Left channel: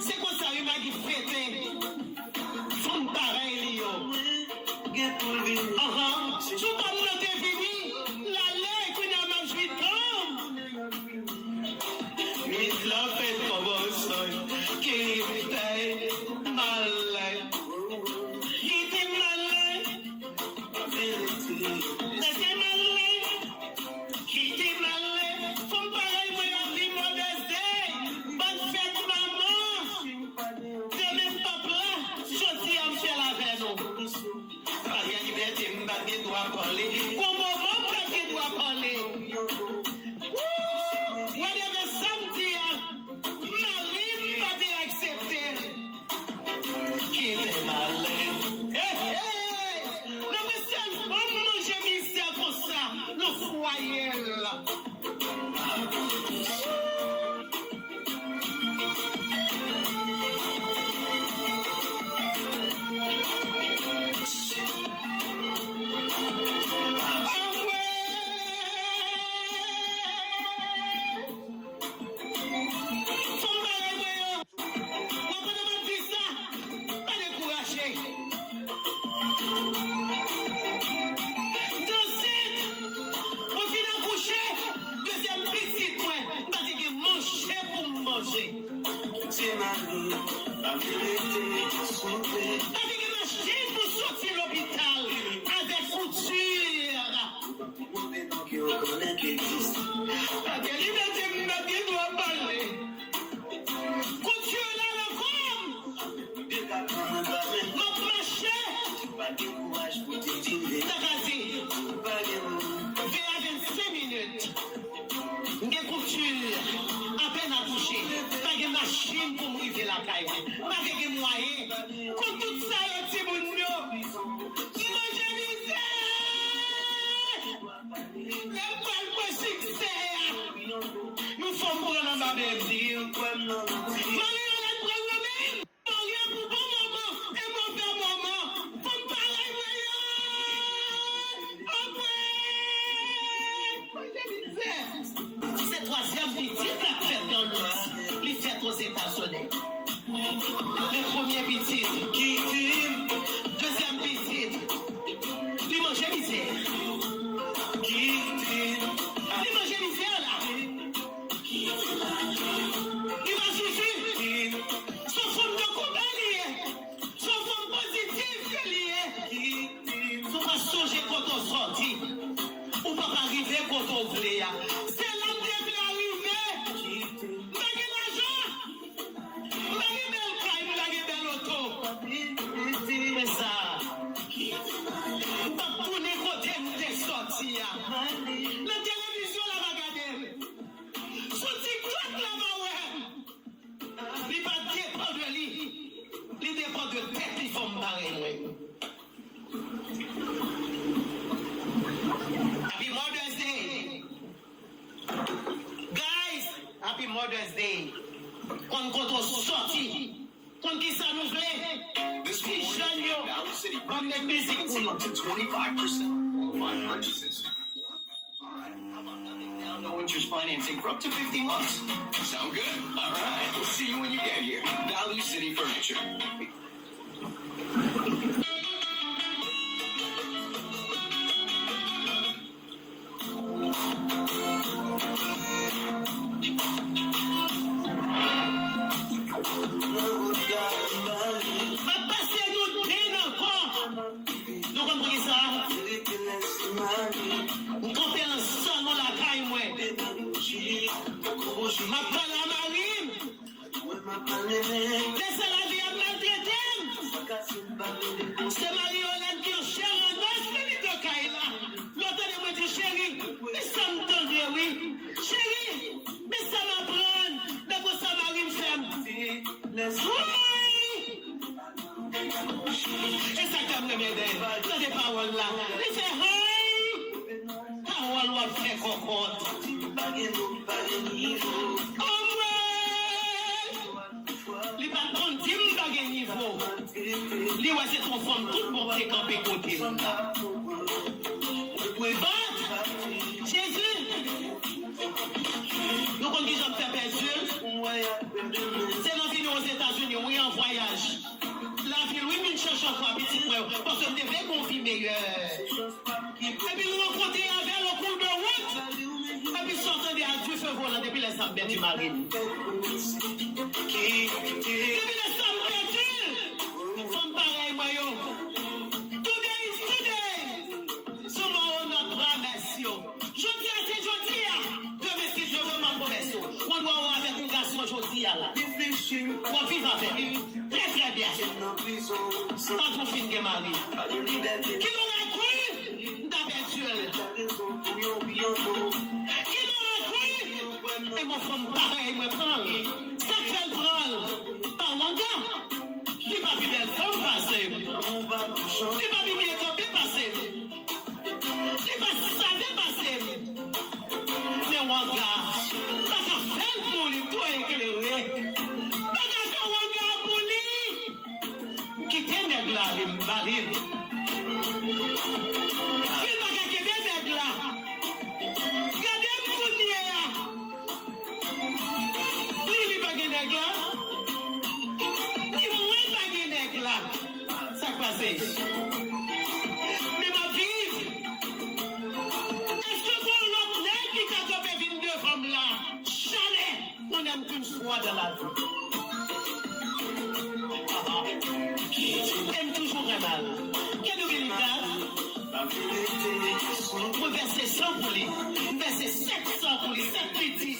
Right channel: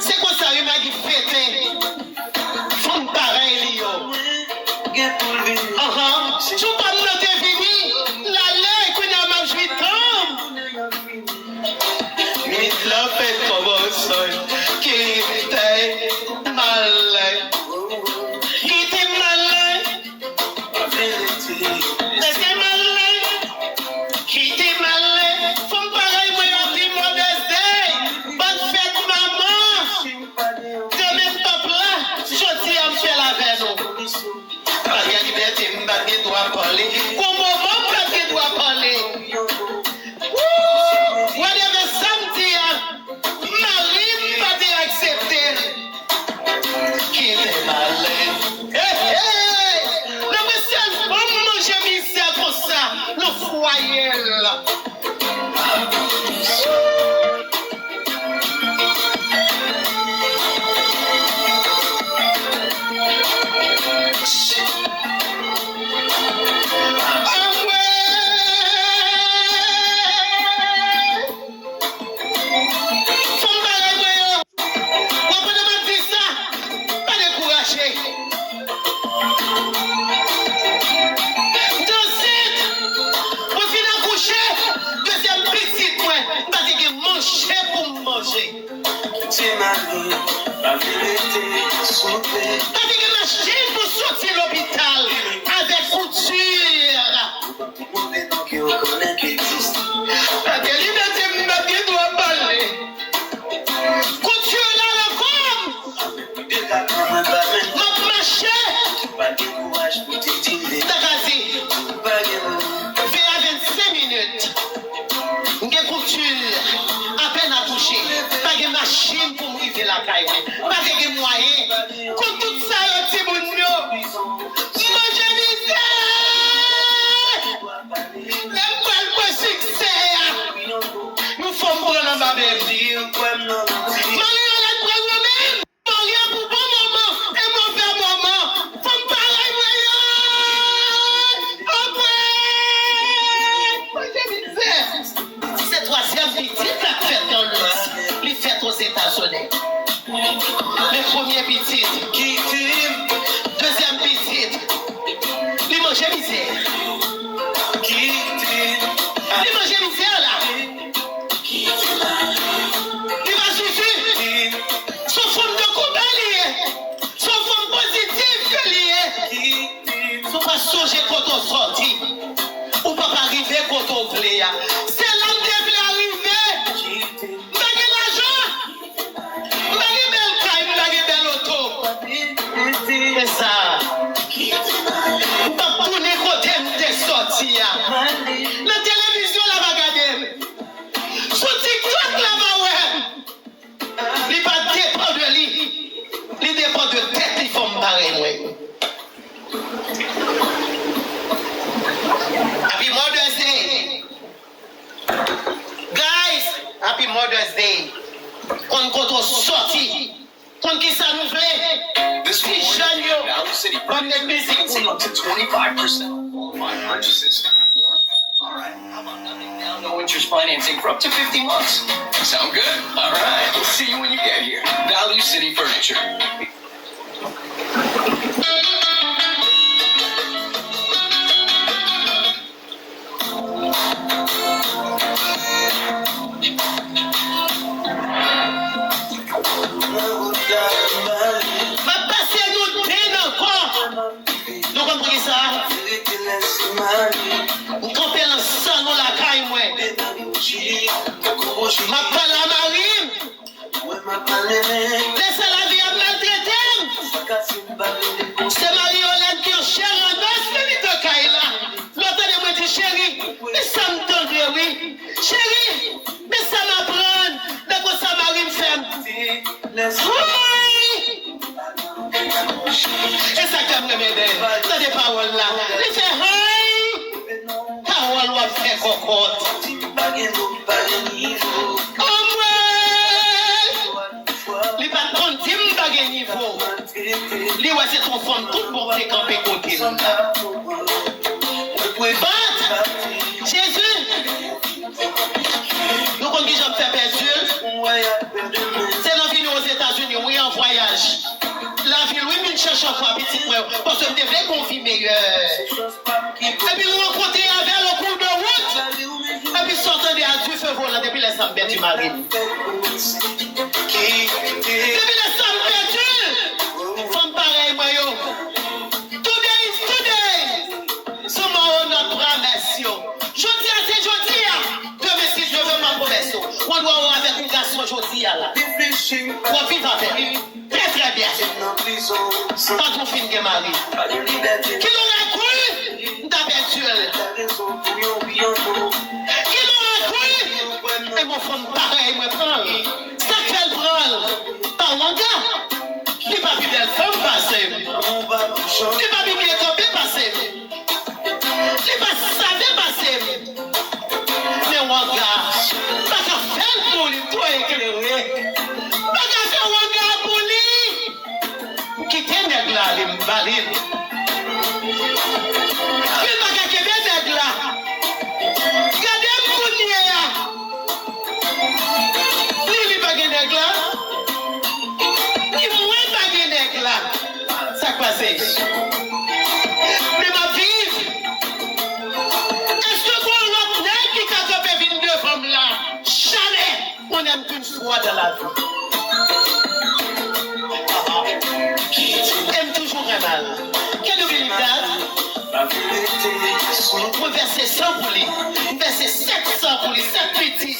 C'est quoi ça, il m'a dit fêter. Femme pareil, yo. Tu parles de tes fini. La lait, qu'on a mangé comme. Mais la fête commence. Qui était malin. Qui était malin. C'était malin. Qui était malin. Femme pareil, moi, on dit Mother's Day. Bonne fête, maman. De même peuple là, je dis à me faire la veine. Pas de liberté, pas de droit parler. Comment pas de droit parler? Whatever samedi, Marie pas de accepter. Qui est malin? Le monsieur, maman, j'ai mis ça comme ça, le foyer là. C'est ma vie, la vérité sauvée. Avec une machine pour sortir l'hôpital avec couture. Donc il reconnaît qu'il existe. La liberté m'a dit doit parler. Couture là le corps. De la commande va même. Notre marché. Pas de courage pour te dire. T'as dit. Pas de Fais à 25 minutes. Une couture. À peine à toucher. Pas de machine pour m'ouvrir la caille. Pas de moyens. Comme tout ça, le petit bout. Manger misère. Même pas le succès. Nous sommes pour la babelle. Marie, on a pris nous-mêmes. Marie, pour bon moment et mauvais moment. Faut me parler, voyons. C'est troisième petite la fête dans le. Les fêtes aux États-Unis. Les premiers petites. Qui t'aime? Deuxième petite. Les manger misère. Qui t'aime? Les manger misère là. Il va suffire. Son forme de combat lié. Son forme positive lié. Qui t'aime? Faut pas songer quand on sortit. Ou pas arriver quand on voulait. C'est là que tu veux arriver. Qui t'aime? Bagay l'argent. Bagay belle caille, bagay belle auto. C'est ça. Ou pas tourner côté de sortir. La télévision là va regarder. Sur TikTok là va ouais. Il va dépendre de lui. Il dépend de tête, il faut me barrer ouais. Happy Mother's Day. Guys, Happy Mother's Day. Quand on sortit, quand qui ça nous fait? This Si morning, jeune yo, Valley City comme des musiques Save pour up to 25% on purchases. All right, how about nothing down, no interest financing for up to 50 months? Sound good? All right, we'll see you when you get here. Value City Furniture. va passer nous peine encore. Nous comprenez ça? Nous campons ensemble dans la caille moi. Ma parle à Marie. Laisse la vie à maltraiter. C'est Marie-Hélène qui est chère en os, mais de caille là. L'autre de moi dit chérie, mais ça me tendre, oui. Chérie, mais ça m'apprend. D'accord, ça Marie me fait. Oui. Et ça comme le médecin. T'as des paroles là. Il fait hey. Parole ou fait cocotte. Oh ouais. Il va prendre 10 bagues niveau. Lui ouais c'est ton femme tout pour te camper côté. Bat. Jésus. Nous qu'on dit j'en fais perdu. chaque fois, petit moi, parce que je devais confirmer. Et puis, nous rencontrer avec le cours de route. Et puis, sortant de Dieu, feu volant depuis les samedi du mari. Depuis les samedi, femme pareil, moi, yo. Today is today. Some of notre promesse, yo. Jodi a, c'est jodi a. Demain, si je veux ma promesse, on doit avoir avec un garçon jodi là. On vit avec lui. Très très bien. Pas trop fin de mari. Qui l'aurait cru d'habituel? Qui l'aurait cru? Et mon femme pareil, me prend. Ça qu'elle prend. Par mon gars. Il pas vu belle femme passer. Il pas vu bien campé passer. Il pas savait passer. Mais mon gars, pas qu'à faire pour lui, toi éclairé. Pas qu'à faire mon gars pour lui. Quittez nèg là, les m'balines. Il pas qu'à quitter nèg là. Regardez Mounier là. Lui, il pas qu'à nèg là. Il moins pas qu'à nèg là. Ça passe. Mais ma vie. Est-ce que pour l'autre nèg qui a tapé 22 femmes là? Jamais. On n'aime qu'une fois dans la vie. Aime toujours un mal. Can you believe that? Moi, verset 100 pour lui. Verset 700 pour lui. 7 petits.